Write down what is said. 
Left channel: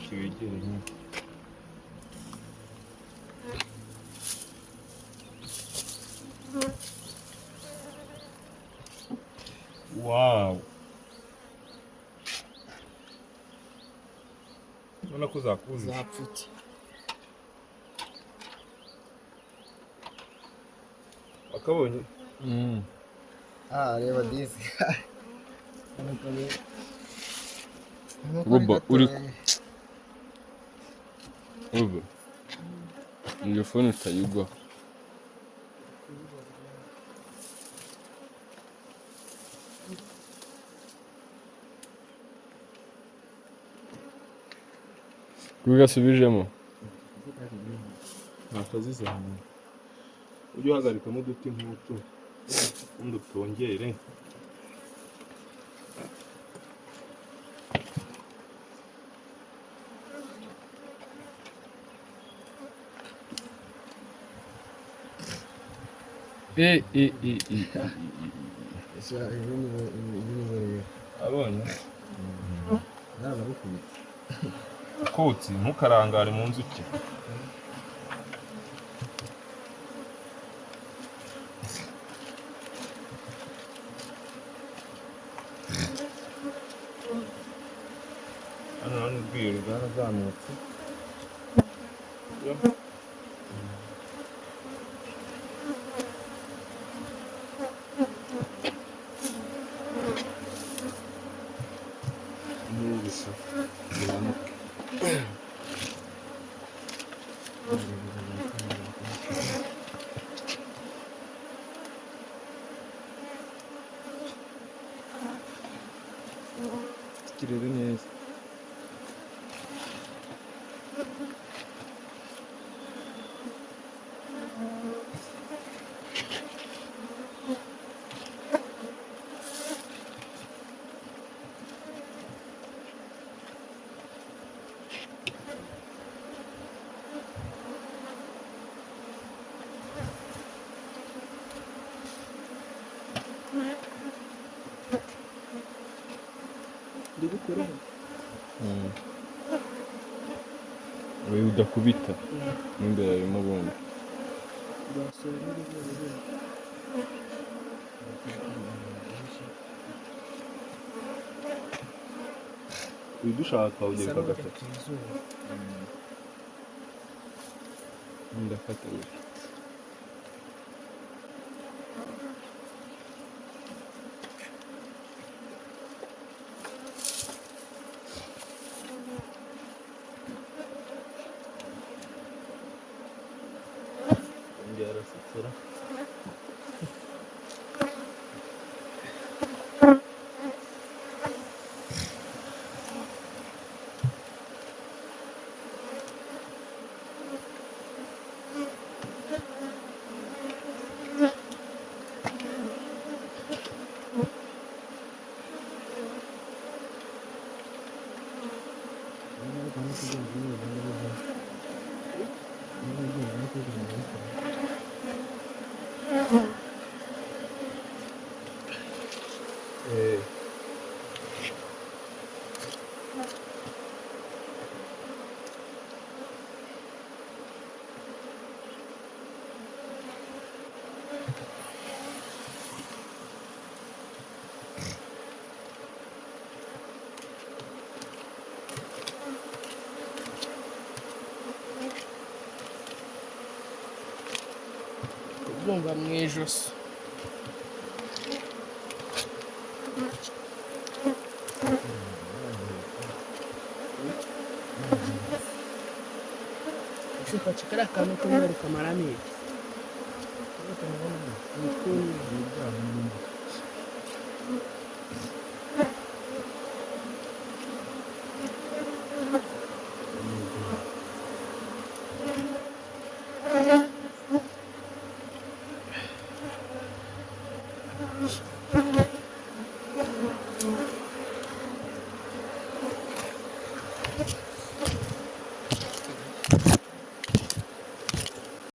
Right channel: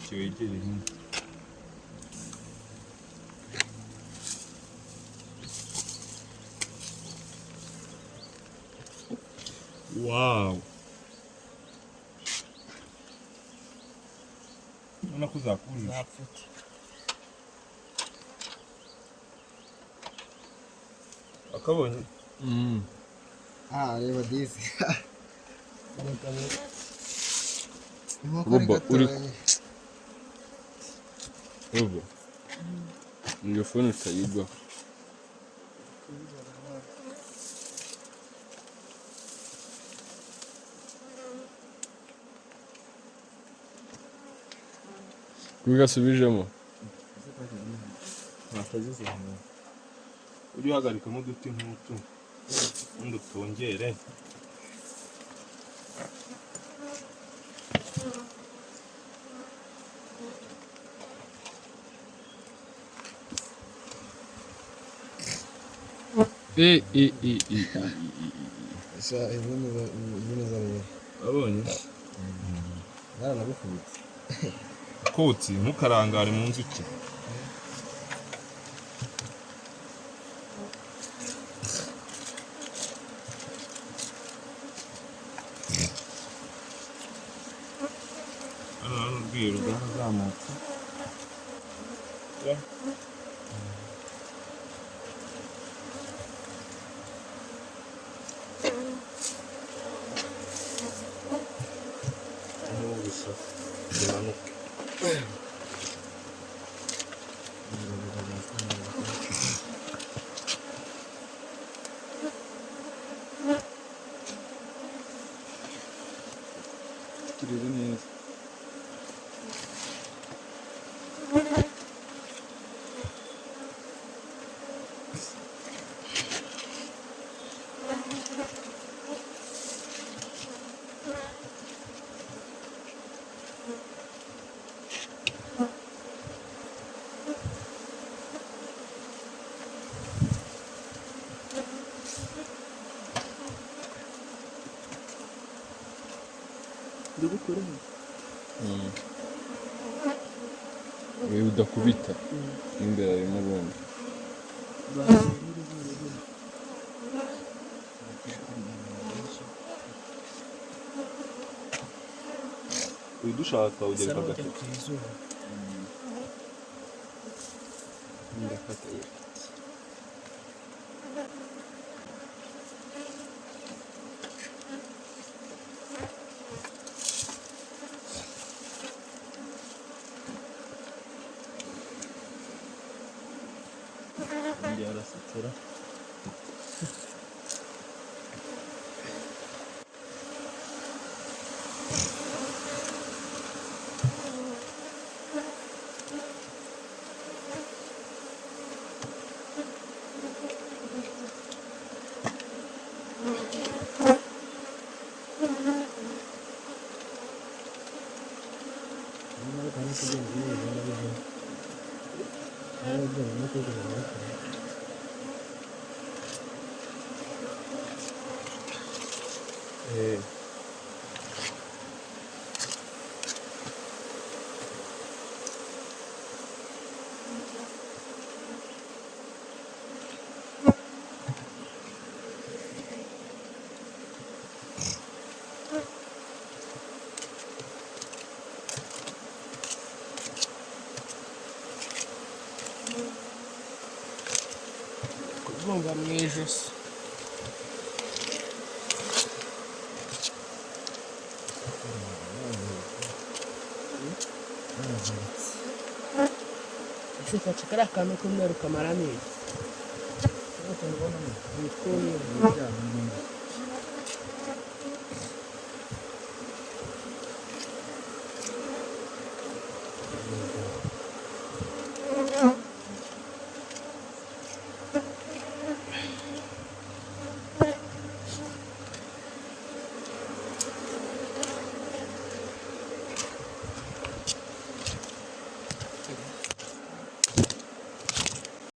gutyo wegere nk'uko. Wow, urabona ko zakujije. zapfutse. Akabonye Reba disi. Roba uri Roba iyo phone utayigwa. Kugasubijemo ntakazizana ujye uhagarikamo uduti nk'utu undi utongere. Abonye kotsi ntukarangare mu nzuki. Hano hari urwiro rwarazamutse. N'ubuso bumanuke. Kirere neza. Wewe udakubita n'imbere harimo ubundi. Udushaka ugereka gatatu. Ndafata arasatura. Kuvunga mu ijosi. Ufashe kariya kantu k'umweru kamaramo iki?